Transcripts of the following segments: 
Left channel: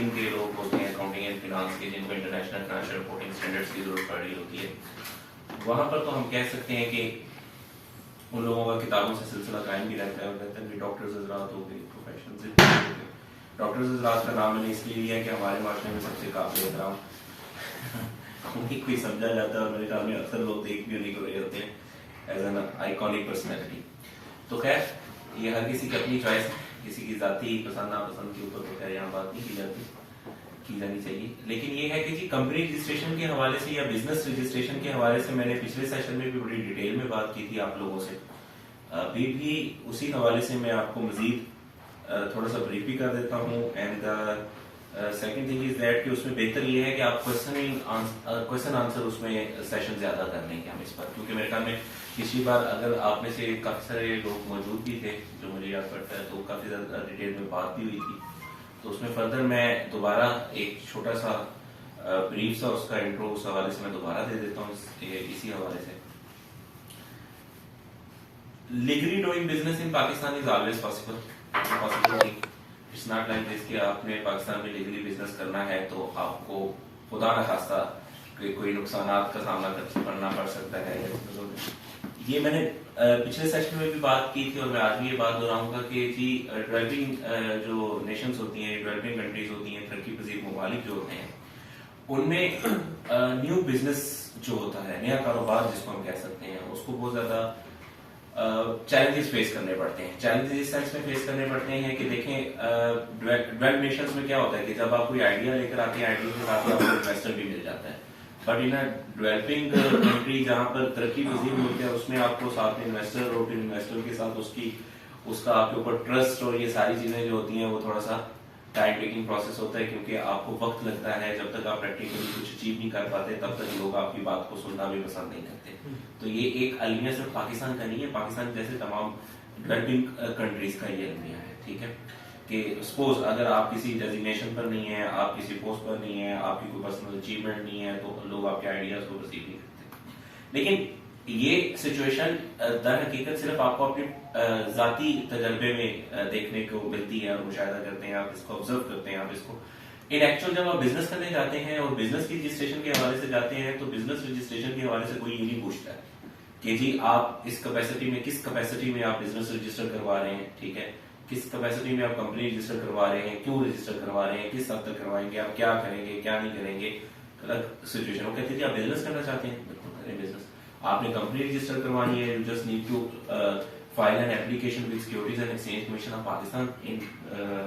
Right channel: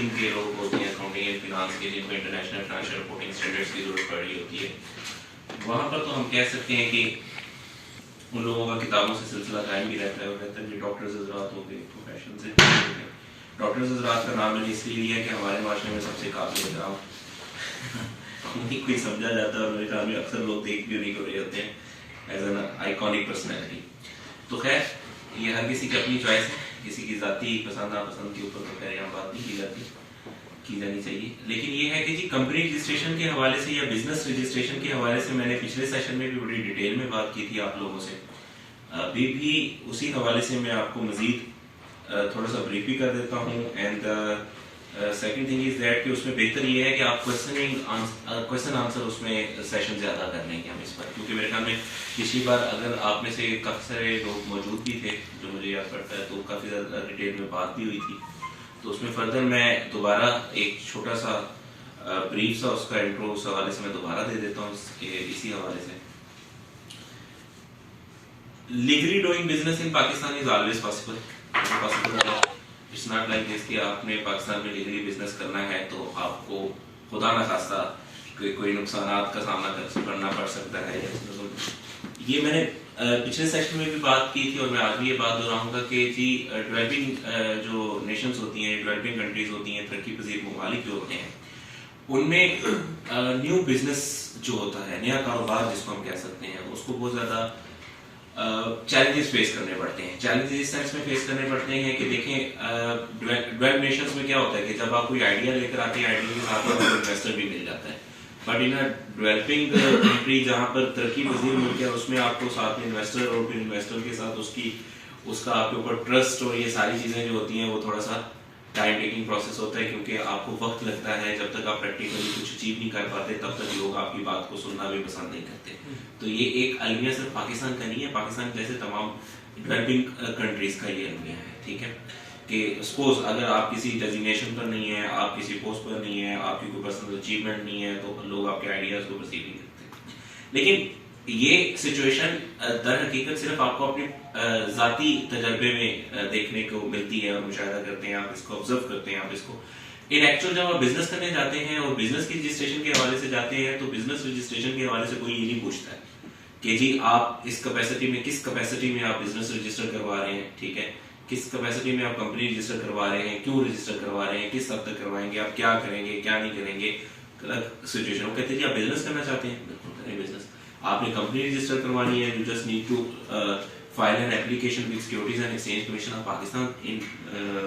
Accounting के लोग होते हैं, अकाउंटिंग एंड फिनांस के, जिनको इंटरनेशनल फाइनेंशियल रिपोर्टिंग स्टैंडर्ड्स की जरूरत पड़ रही होती है, वहाँ पर तो हम कह सकते हैं कि उन लोगों का किताबों से सिलसिला कायम भी रहता है। और कहते हैं कि डॉक्टर्स हज़रात हो गए, प्रोफेशन से डॉक्टर्स हज़रात का नाम मैंने इसलिए लिया कि हमारे माशरे में सबसे काबिल एहतराम उन्हीं को ही समझा जाता है और मेरे ख्याल में अक्सर लोग देख भी उन्हीं को रहे होते हैं एज एन आइकॉनिक पर्सनैलिटी। तो खैर ये हर किसी की अपनी चॉइस है, किसी की ज़ाती पसंद नापसंद के ऊपर तो खैर यहाँ बात नहीं की जानी चाहिए। लेकिन ये है कि जी कंपनी रजिस्ट्रेशन के हवाले से या बिजनेस रजिस्ट्रेशन के हवाले से मैंने पिछले सेशन में भी बड़ी डिटेल में बात की थी आप लोगों से। अभी भी उसी हवाले से मैं आपको मजीद थोड़ा सा ब्रीफ भी कर देता हूँ। And second thing is that कि उसमें बेहतर ये है कि आप क्वेश्चन आंसर उसमें सेशन ज़्यादा कर लेंगे हम इस पर, क्योंकि मेरे ख्याल में पिछली बार अगर आप में से काफ़ी सारे लोग मौजूद भी थे जो मुझे याद पड़ता है, तो काफ़ी ज़्यादा डिटेल में बात भी हुई थी। तो उसमें फर्दर मैं दोबारा एक छोटा सा ब्रीफ सा उसका इंट्रो उस हवाले से मैं दोबारा दे देता हूँ इसी हवाले से। Legally doing business in Pakistan is always possible. It's not like this कि आपने पाकिस्तान में लीगली बिजनेस करना है तो आपको खुदा न खास्ता कोई नुकसानात का सामना करना पड़ सकता है। ये मैंने पिछले सेशन में भी बात की थी और मैं आज भी ये बात दोहराऊंगा कि जी डेवलपिंग जो नेशंस होती हैं, डेवलपिंग कंट्रीज होती हैं, तरक्की पजीर ममालिक जो होते हैं, उनमें न्यू बिजनेस जो होता है, नया कारोबार जिसको हम कह सकते हैं, उसको बहुत ज़्यादा चैलेंजेस फेस करने पड़ते हैं। चैलेंजेस इस सेंस में फेस करने पड़ते हैं कि देखें डेवलप्ड नेशंस में क्या होता है कि जब आप कोई आइडिया लेकर आते हैं, आइडिया के साथ आपको इन्वेस्टर भी मिल जाता है। But in a developing country जहाँ पर तरक्की पजीर मुल्क है, उसमें आपको साथ में इन्वेस्टर और फिर इन्वेस्टर के साथ उसका आपके ऊपर ट्रस्ट और ये सारी चीज़ें जो होती हैं वो थोड़ा सा टाइम टेकिंग प्रोसेस होता है, क्योंकि आपको वक्त लगता है। जब तक आप प्रैक्टिकली कुछ अचीव नहीं कर पाते तब तक लोग आपकी बात को सुनना भी पसंद नहीं करते। तो ये एक अलमिया सिर्फ पाकिस्तान का नहीं है, पाकिस्तान जैसे तमाम डेवलपिंग कंट्रीज का ये अलमिया है। ठीक है कि सपोज अगर आप किसी डेजिग्नेशन पर नहीं है, आप किसी पोस्ट पर नहीं है, आपकी कोई पर्सनल अचीवमेंट नहीं है, तो लोग आपके आइडियाज को परसीव नहीं करते। लेकिन ये सिचुएशन दर हकीकत सिर्फ आपको अपने ज़ाती तजर्बे में देखने को मिलती है और मुशाहिदा करते हैं, आप इसको ऑब्जर्व करते हैं। आप इसको इन एक्चुअल जब आप बिजनेस करने जाते हैं और बिजनेस की रजिस्ट्रेशन के हवाले से जाते हैं, तो बिजनेस रजिस्ट्रेशन के हवाले से कोई ये नहीं पूछता है कि जी आप इस कैपेसिटी में, किस कैपेसिटी में आप बिजनेस रजिस्टर करवा रहे हैं, ठीक है, किस कैपेसिटी में आप कंपनी रजिस्टर करवा रहे हैं, क्यों रजिस्टर करवा रहे हैं, किस हद तक करवाएंगे, आप क्या करेंगे, क्या नहीं करेंगे। अलग सिचुएशन वो कहते हैं जी आप बिजनेस करना चाहते हैं, बिल्कुल करें बिजनेस, आपने कंपनी रजिस्टर करवानी है, you just need to file an application with securities and exchange commission of Pakistan.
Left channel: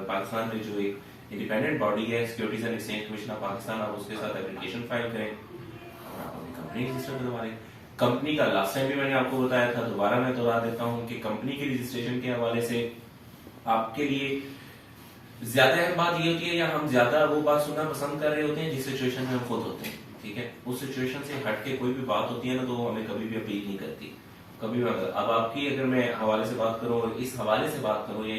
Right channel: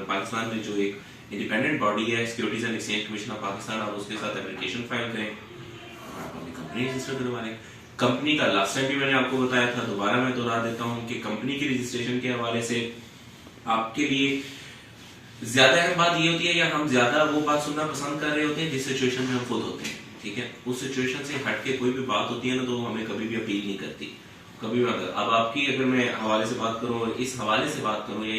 Pakistan में जो एक इंडिपेंडेंट बॉडी है securities and exchange commission of Pakistan, आप उसके साथ एप्लीकेशन फाइल करें और आप अपनी कंपनी रजिस्टर करवा लें। कंपनी का लास्ट टाइम भी मैंने आपको बताया था, दोबारा मैं दोहरा देता हूँ कि कंपनी की रजिस्ट्रेशन के हवाले से आपके लिए ज्यादा अहम बात ये होती है या हम ज्यादा वो बात सुनना पसंद कर रहे होते हैं जिस सिचुएशन में हम खुद होते हैं। ठीक है, उस सिचुएशन से हट के कोई भी बात होती है ना, तो वो हमें कभी भी अपील नहीं करती, कभी भी। अब आपकी अगर मैं हवाले से बात करूं और इस हवाले से बात करूं या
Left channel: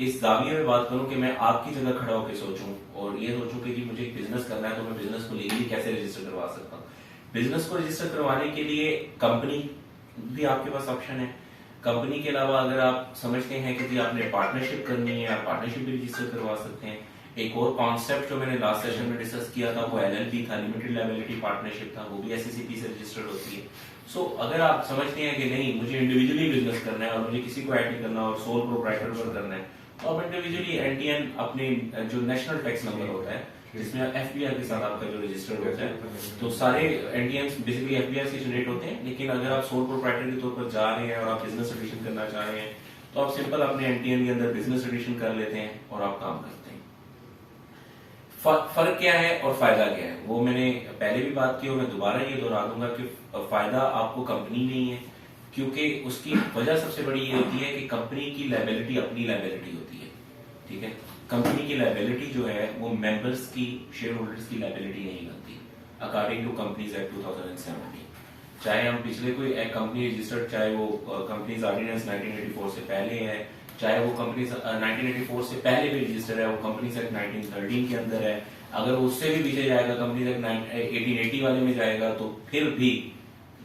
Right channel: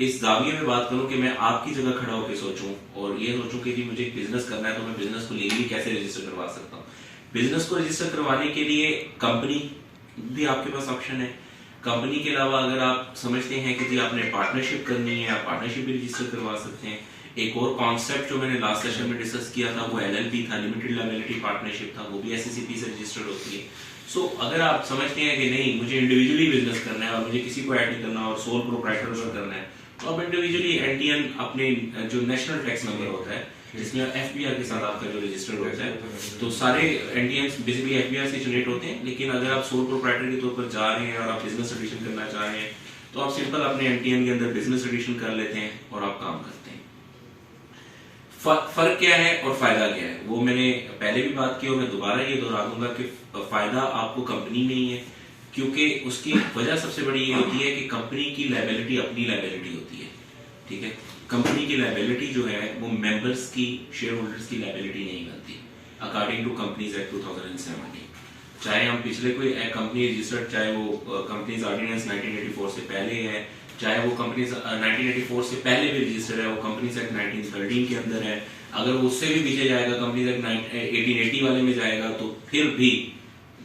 इस दाविये में बात करूं कि मैं आपकी जगह खड़ा होकर सोचूं और ये सोचूं कि जी मुझे एक बिजनेस करना है, तो मैं बिजनेस को लीगली कैसे रजिस्टर करवा सकता हूँ। बिजनेस को रजिस्टर करवाने के लिए कंपनी भी आपके पास ऑप्शन है। कंपनी के अलावा अगर आप समझते हैं कि जी आपने पार्टनरशिप करनी है, आप पार्टनरशिप भी रजिस्टर करवा सकते हैं। एक और कॉन्सेप्ट जो मैंने लास्ट सेशन में डिस्कस किया था वो एलएलपी था, लिमिटेड लायबिलिटी पार्टनरशिप था, वो भी एससीसीपी से रजिस्टर्ड होती है। सो अगर आप समझते हैं कि नहीं मुझे इंडिविजुअली बिजनेस करना है और मुझे किसी को ऐड नहीं करना और सोल प्रोप्राइटर करना है, तो आप इंडिविजुअली एनटीएन अपने जो नेशनल टैक्स नंबर होता है जिसमें एफबीआर के साथ आपका जो रजिस्टर्ड होता है, तो सारे एनटीएम्स बेसिकली एफबीआर से जनरेट होते हैं। लेकिन अगर आप सोल प्रोप्राइटर के तौर पर जा रहे हैं और आप बिजनेस एडिशन करना चाह रहे हैं, तो आप सिंपल अपने एनटीएम के अंदर बिजनेस एडिशन कर लेते हैं और आप काम करते हैं। फर्क क्या है और फायदा क्या है वो मैंने पहले भी बात की और मैं दोबारा ये दोहरा दूंगा कि फायदा आपको कंपनी में ही है, क्योंकि उसकी वजह सबसे बड़ी ये होती है कि कंपनी की लायबिलिटी अपनी लायबिलिटी होती है। ठीक है, कंपनी की लायबिलिटी जो है वो मेंबर्स की, शेयर होल्डर्स की लायबिलिटी नहीं बनती अकॉर्डिंग टू कंपनीज एक्ट 2007। चाहे हम पिछले कोई कंपनी रजिस्टर्ड, चाहे वो कंपनीज ऑर्डिनेंस 1984 से पहले है, चाहे वो कंपनीज 1984 से पहले भी रजिस्टर्ड है, वो कंपनीज एक्ट 1913 के अंदर है, अगर वो उससे भी पीछे जाएगा कंपनीज एक्ट 1880 वाले में जाएगा, तो फिर भी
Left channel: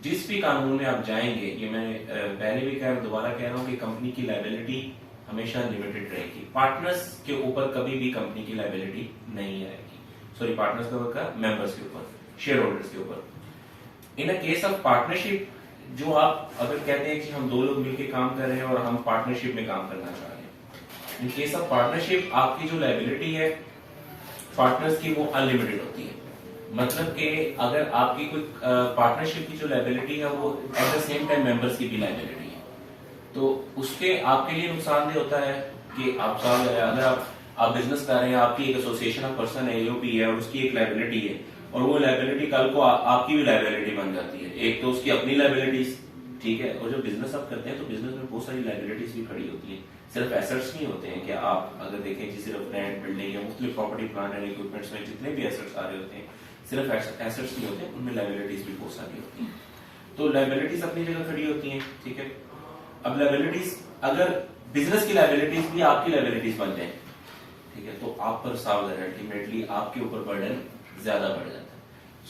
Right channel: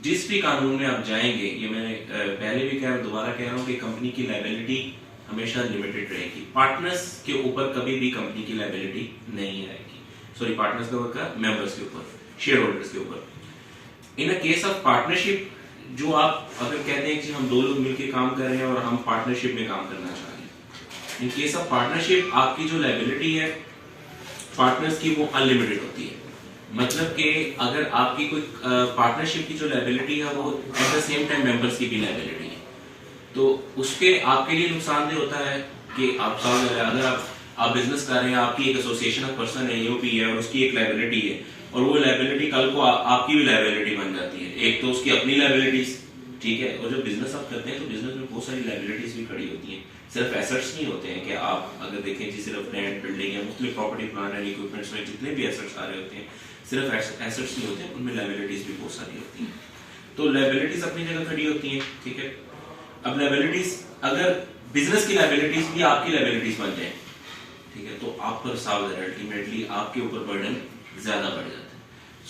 जिस भी कानून में आप जाएंगे, ये मैंने पहले भी कहा, दोबारा कह रहा हूँ कि कंपनी की लायबिलिटी हमेशा लिमिटेड रहेगी। पार्टनर्स के ऊपर कभी भी कंपनी की लायबिलिटी नहीं आएगी, सॉरी पार्टनर्स के ऊपर का, मेंबर्स के ऊपर, शेयर होल्डर्स के ऊपर। इन अ केस ऑफ पार्टनरशिप, जो आप अगर कहते हैं कि हम दो लोग मिलकर काम कर रहे हैं और हम पार्टनरशिप में काम करना चाह रहे हैं, इन केस ऑफ पार्टनरशिप आपकी जो लायबिलिटी है पार्टनर्स की वो अनलिमिटेड होती है। मतलब कि अगर आपकी कोई पार्टनरशिप की जो लायबिलिटी है वो at the same time members की भी लायबिलिटी है, तो उसके आपके लिए नुकसानदेह होता है कि अगर आप बिजनेस कर रहे हैं, आपकी एक एसोसिएशन ऑफ पर्सन है, ईओपी है, और उसकी एक लायबिलिटी है, और वो लायबिलिटी कल को आपकी भी लायबिलिटी बन जाती है। एक तो उसकी अपनी लायबिलिटीज, ठीक है, और जो बिजनेस आप करते हैं तो बिजनेस में बहुत सारी लायबिलिटीज भी खड़ी होती हैं, सिर्फ एसेट्स नहीं होते हैं कि आप अगर देखें कि सिर्फ लैंड, बिल्डिंग या मुख्तलिफ प्रॉपर्टी, प्लांट एंड इक्विपमेंट्स में जितने भी एसेट्स आ रहे होते हैं, सिर्फ एसेट्स नहीं होते, उनमें लायबिलिटीज भी बहुत सारी होती हैं। तो लायबिलिटीज अपनी जगह खड़ी होती हैं, ठीक है। अब लायबिलिटीज, अगर बिजनेस की लायबिलिटीज भी आपकी लायबिलिटीज बन जाए, ठीक है, तो आप पर सावधान, अल्टीमेटली आपके ऊपर बर्डन ज्यादा बढ़ जाता है।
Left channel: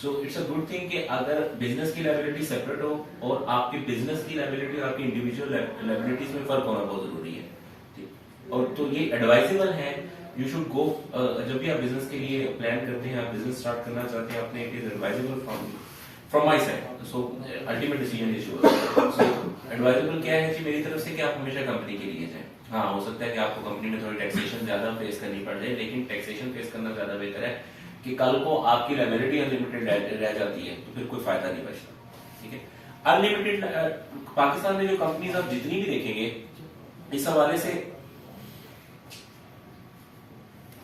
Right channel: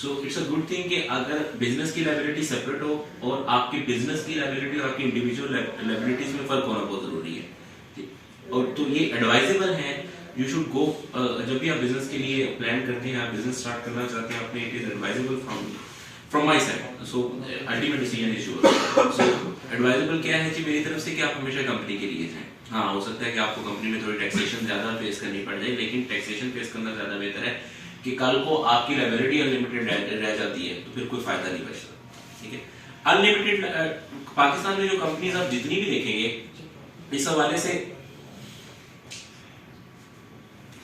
So it's a good thing कि अगर बिजनेस की लायबिलिटी सेपरेट हो और आपकी बिजनेस की लायबिलिटी और आपकी इंडिविजुअल लायबिलिटीज में फर्क होना बहुत जरूरी है, ठीक। और तो ये एडवाइजेबल है, यू शुड गो, जब भी आप बिजनेस के लिए प्लान करते हैं, आप बिजनेस स्टार्ट करना चाहते हैं अपने, it is advisable from my side. So ultimate decision is yours. So advisable क्या है कि मेरी तरफ से कि आप हमेशा कंपनी के लिए जाएं। हाँ, हो सकता है कि आपको कंपनी में थोड़ी टैक्सेशन ज्यादा फेस करनी पड़ जाए, लेकिन टैक्सेशन फेस करना ज्यादा बेहतर है कि कल को आपकी लायबिलिटी अनलिमिटेड रह जाती है तो फिर कोई फायदा नहीं बचता, ठीक है। अनलिमिटेड, पाकिस्तान में जो कंपनीज आप जितनी भी देखेंगे, इस हवाले से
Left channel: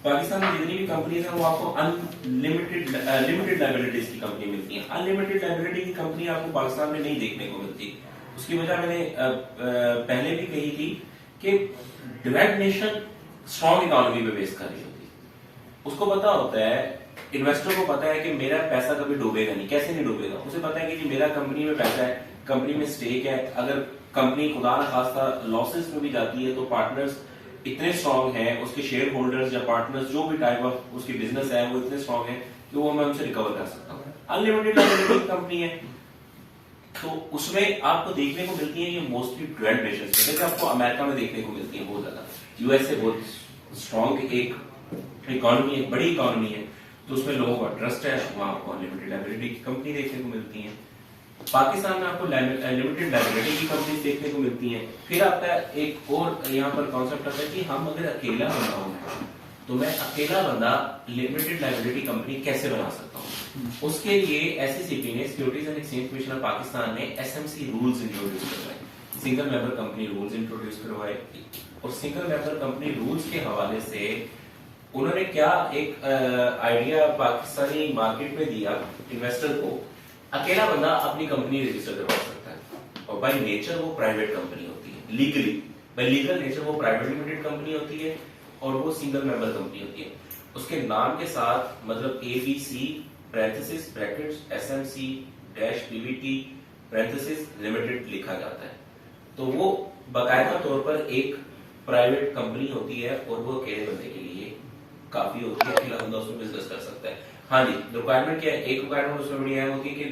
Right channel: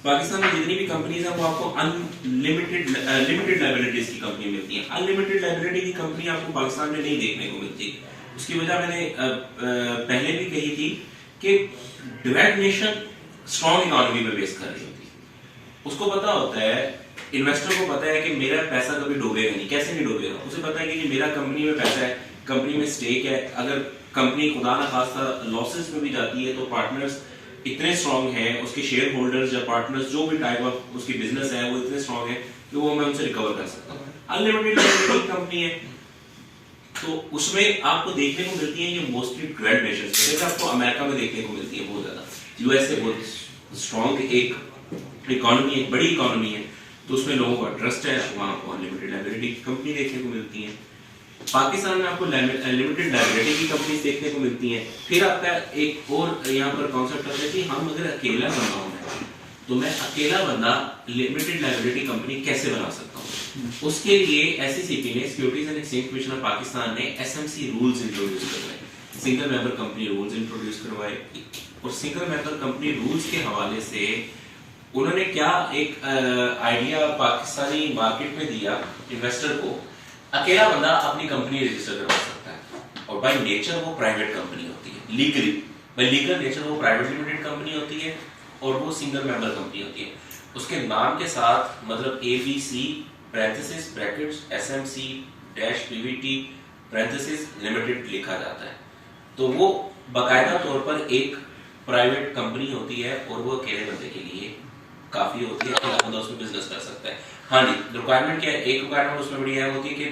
पाकिस्तान में जितनी भी कंपनीज हैं वो आपको अनलिमिटेड लिमिटेड लायबिलिटीज की कंपनी मिलती है। अनलिमिटेड लायबिलिटी की कंपनी आपको पाकिस्तान में नहीं देखने को मिलती। उसकी वजह मैंने पहले भी कही थी कि डिवेल्प्ड नेशन स्ट्रॉन्ग इकोनॉमी पे बेस कर रही होती है। उसको पता होता है, इन्वेस्टर को पता है कि मेरा पैसा कभी डूबेगा नहीं। कैसे नहीं डूबेगा? उसे पता है कि मेरा कंपनी में पैसा है, कंपनी में स्टेक है। अगर कंपनी खुदा न खास्ता लॉसेस में भी जाती है तो पार्टनर्स इतने स्ट्रांग हैं, उसके शेयर होल्डर्स या पार्टनर्स जो भी टाइप ऑफ उसकी बिजनेस है वो इतने स्ट्रांग है कि वो मैं उनसे रिकवर कर सकता हूँ। अनलिमिटेड लायबिलिटी कंपनी है तो उसमें आपको देखने को मिलती है ये मोस्टली डेवलप्ड नेशंस में, जैसे आपको अमेरिका में देखने को मिलती है बहुत ज्यादा। यूएस से बहुत स्ट्रांग एक इकोनॉमी, एक बड़ी इकोनॉमी है, तो उसमें लोगों का ट्रस्ट है, वहाँ आपको अनलिमिटेड लायबिलिटी की कंपनी देखने को मिलती है। पाकिस्तान में आपको लिमिटेड लायबिलिटी की कंपनीज देखने को मिलती हैं। फिर आपका एक और यहाँ पर कॉन्सेप्ट आता है कि हम अगर अकेला बंदा हूँ तो मैं अकेला बंदा लिमिटेड लायबिलिटी कंपनी कैसे बना सकता हूँ। उसके लिए एसईसीपी ने, securities and exchange commission of Pakistan ने एसएमसी रूल्स इंट्रोड्यूस करवाए, single member company rules introduce करवाए। और सिंगल मेंबर कंपनी रूल्स के हवाले से उन्होंने क्या एक आइडिया पाकिस्तानी मार्केट में दिया इन्वेस्टर को। अकेला बंदा अपनी कंपनी रजिस्टर करवा सकता है और बाय नेचर वो प्राइवेट कंपनी होती है, लीगली बाय लीगल नेचर वो प्राइवेट लिमिटेड कंपनी होती है और वो सिंगल मेंबर कंपनी होती है। उसके नाम के साथ मतलब ABC parenthesis brackets SMC dash PVT parenthesis limited लिखा जाता है, तो वो बाकायदा तौर पर एक प्राइवेट कंपनी होती है और वो अकेले बंदे के लिए काफी होती है, अकेला बंदा उसमें बिजनेस कर सकता है। हाँ जी, रिक्वायरमेंट क्या है? एक रिक्वायरमेंट उसमें बड़ी अहम होती है कि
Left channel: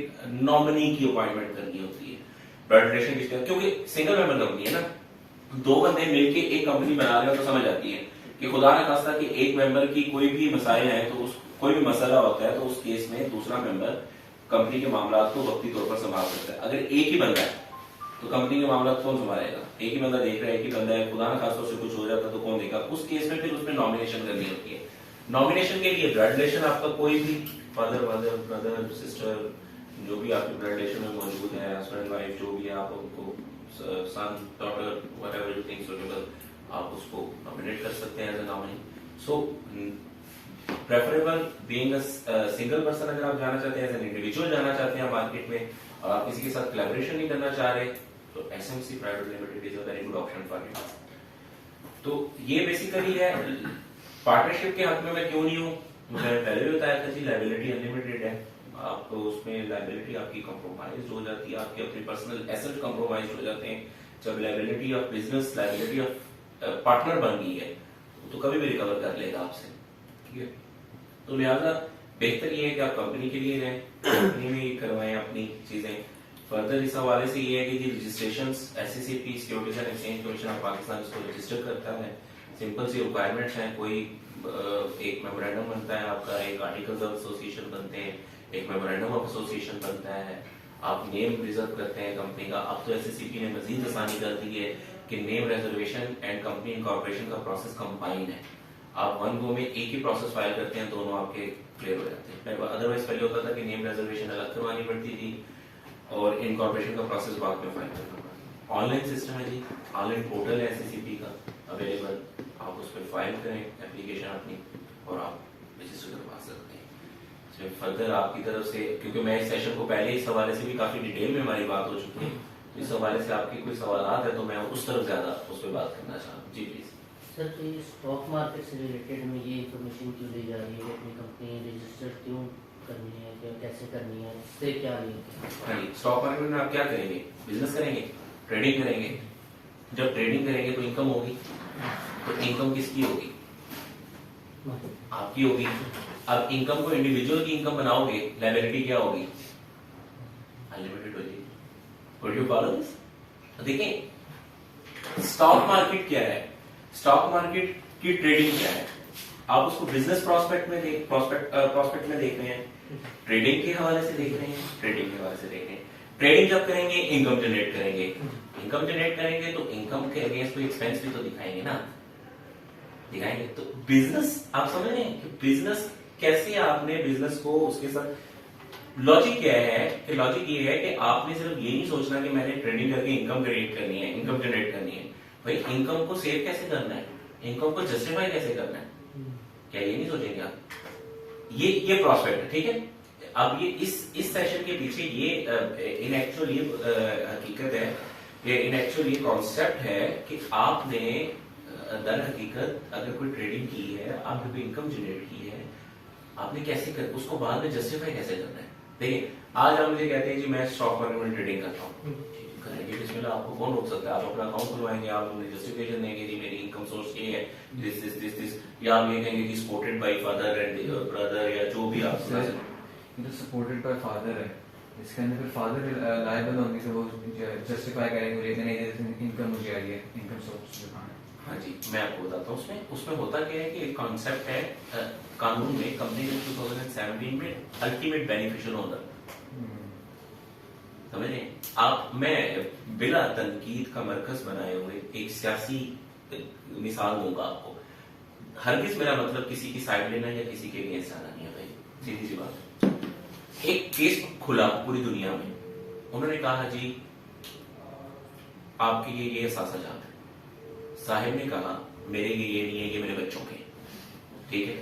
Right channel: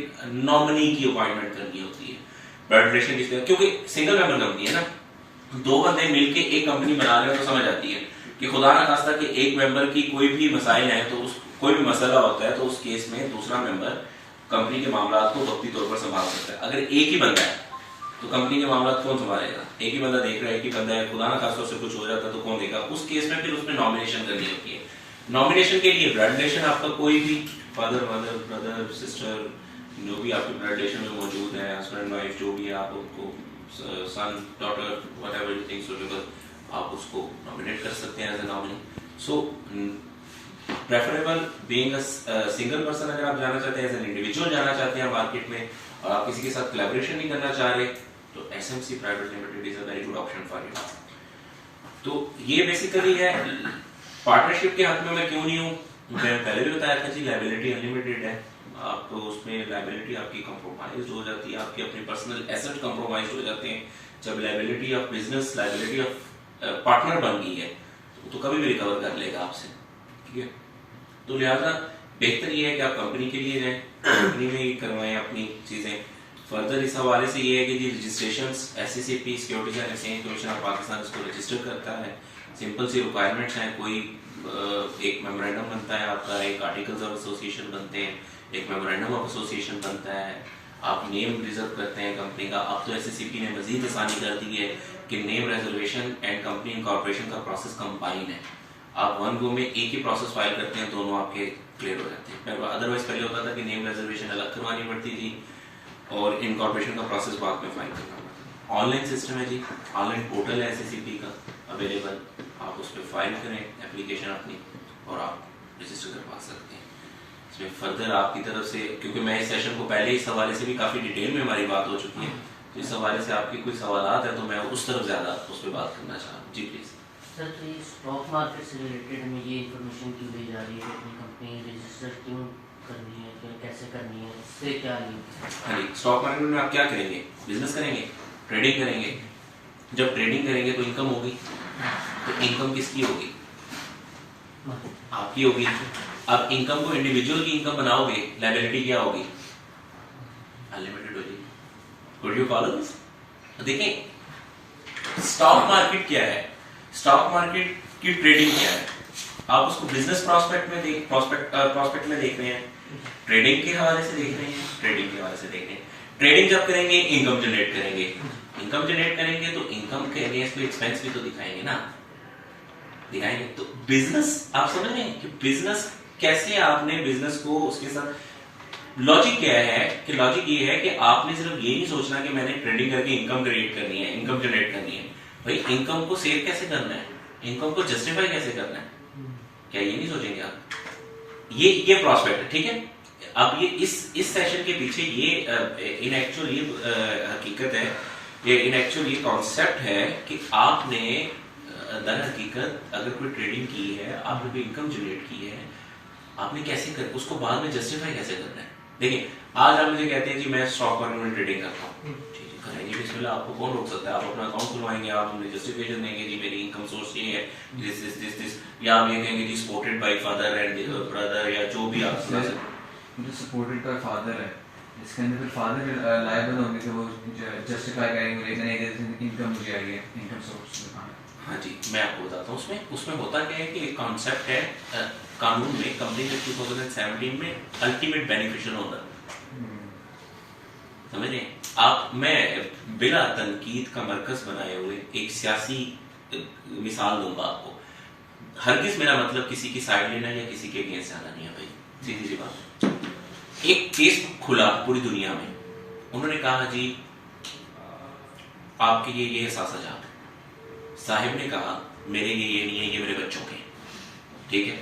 नॉमिनी की अपॉइंटमेंट करनी होती है। ब्लड रिलेशन किसके, क्योंकि सिंगल मेंबर कंपनी है ना, दो बंदे मिलके एक कंपनी बना रहे हो तो समझ आती है कि खुदा ना खास्ता कि एक मेंबर की कोई भी मसाइल है तो उस कोई भी मसला होता है तो उस केस में दूसरा मेंबर कंपनी के मामला को वक्ती तौर पर संभाल सकता है। अगर एक ही बंदा है तो कंपनी के मामला कौन संभालेगा? एक ही बंदा देख रहा है, एक ही बंदा है, खुदा ना खास्ता उससे कुछ हो जाता तो कौन देगा? उस केस में फिर उसमें नॉमिनेशन करनी होती है। नॉमिनेशन के लिए ब्लड रिलेशन आपका कोई भी फादर मदर ब्रदर सिस्टर जो भी आपके ब्लड रिलेशन में मौजूद है, हस्बैंड वाइफ जो भी है, आप उनको son daughter whatever you think suitable, आप उसको नॉमिनेट कर सकते हैं as a nominee. So preferable being a single person, अगर आप जाना चाहते हैं एज एन इंडिविजुअल जाना चाहते हैं मार्केट में और आप किसी के साथ कोलैबोरेशन नहीं करना चाह रहे तो SMC private limited is a very good option for you. तो ये बेसिकली है पार्टनरशिप के हक में मैं क्यों नहीं हूँ। मैं पहले भी बताया था जी, लायबिलिटी अनलिमिटेड है, आप तो उसमें लायबिलिटी आपकी कंप्रोमाइज हो जाती है, आपके अपने पर्सनल एसेट कंप्रोमाइज हो जाते हैं। जब liability of business, liability of partner बन गई है तो कभी भी रिकवर कर लेगा आपसे, ठीक है। तो लिहाजा बेहतर ये है कि आप कंपनी के लिए जाएं, कंपनी में ही करवाएं अपनी चीजें। फर्दर इस हवाले से ये है कि जी registration SCCP securities and exchange commission of Pakistan इसको रजिस्टर करता है। सिंपल सी रिक्वायरमेंट्स हैं, कोई एक मेमोरेंडम बनता है आपका, एक आर्टिकल्स ऑफ एसोसिएशन बनते हैं, एक मेमोरेंडम ऑफ एसोसिएशन बनता है, आप नेम रिजर्व करते हैं कंपनी का। अब तो SCCP ने मजीद आसानी कर दी है कि name reservation and company incorporation का प्रोसेस कंबाइन है। आप वन गो में एक ही प्रोसेस फाइल करते हैं, दोनों आपके क्लियर हो जाते हैं। अदरवाइज पहले होता था कि नेम रिजर्वेशन अलग करवानी पड़ती थी और इनकॉर्पोरेशन का प्रोसेस बाद में फाइल करना पड़ता है। ऑनलाइन सिस्टम है जी, ऑनलाइन पोर्टल है SCCP का अवेलेबल, आप उस पर फाइल करें एप्लीकेशन अपनी और आप रजिस्टर करवा सकते हैं। इसमें फर्दर आपकी तरफ से, क्योंकि मैं इस सेशन को पहले इस हवाले से भी काफ़ी डिटेल में हमारी बात हो चुकी है, तो इस हवाले से आपकी कोई सवालात है तो मैं उस तरफ ज़्यादा उस पर बात करना चाह रहा हूँ। जी प्लीज़ सर, तो ये स्टॉक मार्केट से रिलेटेड में ये इन्फॉर्मेशन क्यों दी जा रही है कि अपनी कंपनी रजिस्टर क्यों करनी है, क्या कैसे करनी है, इससे क्या लिंक है? हाँ जी, स्टॉक मार्केट में आप क्या करेंगे? बिजनेस करेंगे, ट्रेडिंग करेंगे। जब ट्रेडिंग करेंगे तो इनकम होगी, तो इनकम किसकी होगी? आपकी होगी। अब इनकम को इंडिविजुअल की इनकम बनाओगे, लायबिलिटी क्या होगी? अनलिमिटेड होगी। Could you follow this? देखिए स्टॉक मार्केट क्या है, स्टॉक मार्केट की ट्रेडिंग क्या है, आप उसको बिजनेस प्रॉस्पेक्ट में देख रहे हैं, ट्रेडिंग के हवाले से देख रहे हैं, ट्रेडिंग के हवाले से देख रहे हैं। ट्रेडिंग जब करेंगे इनकम जनरेट करेंगे, इनकम जनरेट करेंगे तो इनकम के अगेंस्ट एक्सपेंस भी तो दिखाएंगे ना, दिखाएंगे। तो बिजनेस आप समझ रहे हैं कि बिजनेस कैसे, आपने बिजनेस को उसके साथ लॉजिक क्या है कि लॉजिक ये है कि आपने सिर्फ ये नहीं सोचना कि मैंने ट्रेडिंग करके इनकम क्रिएट करनी है, इनकम जनरेट करनी है। भाई इनकम को सेव कैसे करना है, इनकम को जस्टिफाई कैसे करना है, क्या ये नहीं सोचेंगे आप? ये प्रोस्पेक्ट है, ठीक है। अब ये इस सेशन के पीछे ये इन एक्चुअल ये हकीकत है, ये इन एक्चुअल ये कॉन्सेप्ट है कि आपने दर हकीकत अगर कोई ट्रेडिंग की है, आपने कोई इनकम जनरेट की है, आपने कैसे कर उसको बाद में जस्टिफाई कैसे करना है। देखिए आज आप मुझे कहते हैं कि मैं स्टॉक मार्केट में ट्रेडिंग करता हूँ, ठीक है, करेंगे बिस्मिल्लाह, आपको कौन रोक सकता है? आप अपना अकाउंट खुलवाएंगे, आप हमें जस्टिफिकेशन देंगे जी मेरी इनकम सोर्स ये है, दिस, या आप ये कहेंगे जी supported by father and brother, या जो भी आप सपोर्टेड बाय फादर है, इसके अंदर फिर फादर लायबल होंगे तो वो जस्टिफाई करेंगे इनकम मुझे आ गया, इनकम सोर्स दिखाना। हाँ जी, मैं आपको बताता हूँ। उसमें होता क्या है कि एक कॉन्सेप्ट है कानून में, कंपनी के 2017 में अल्टीमेट बेनिफिशियल ओनर, समझे आप। मैं बिला तनकीद का मरकज बनाए हुए एक सियासी मिसाल दूंगा आपको। हरगिज मेरा मतलब किसी की साइड लेना या किसी के अगेंस्ट जाना नहीं है भाई, सीधी सी बात। एक केस खुला पूरी दुनिया में, उन्होंने कहा जी आपके ये सासाजात, साहिब ने कहा मेरे ये नहीं है, ये मेरे बच्चों के, ठीक है।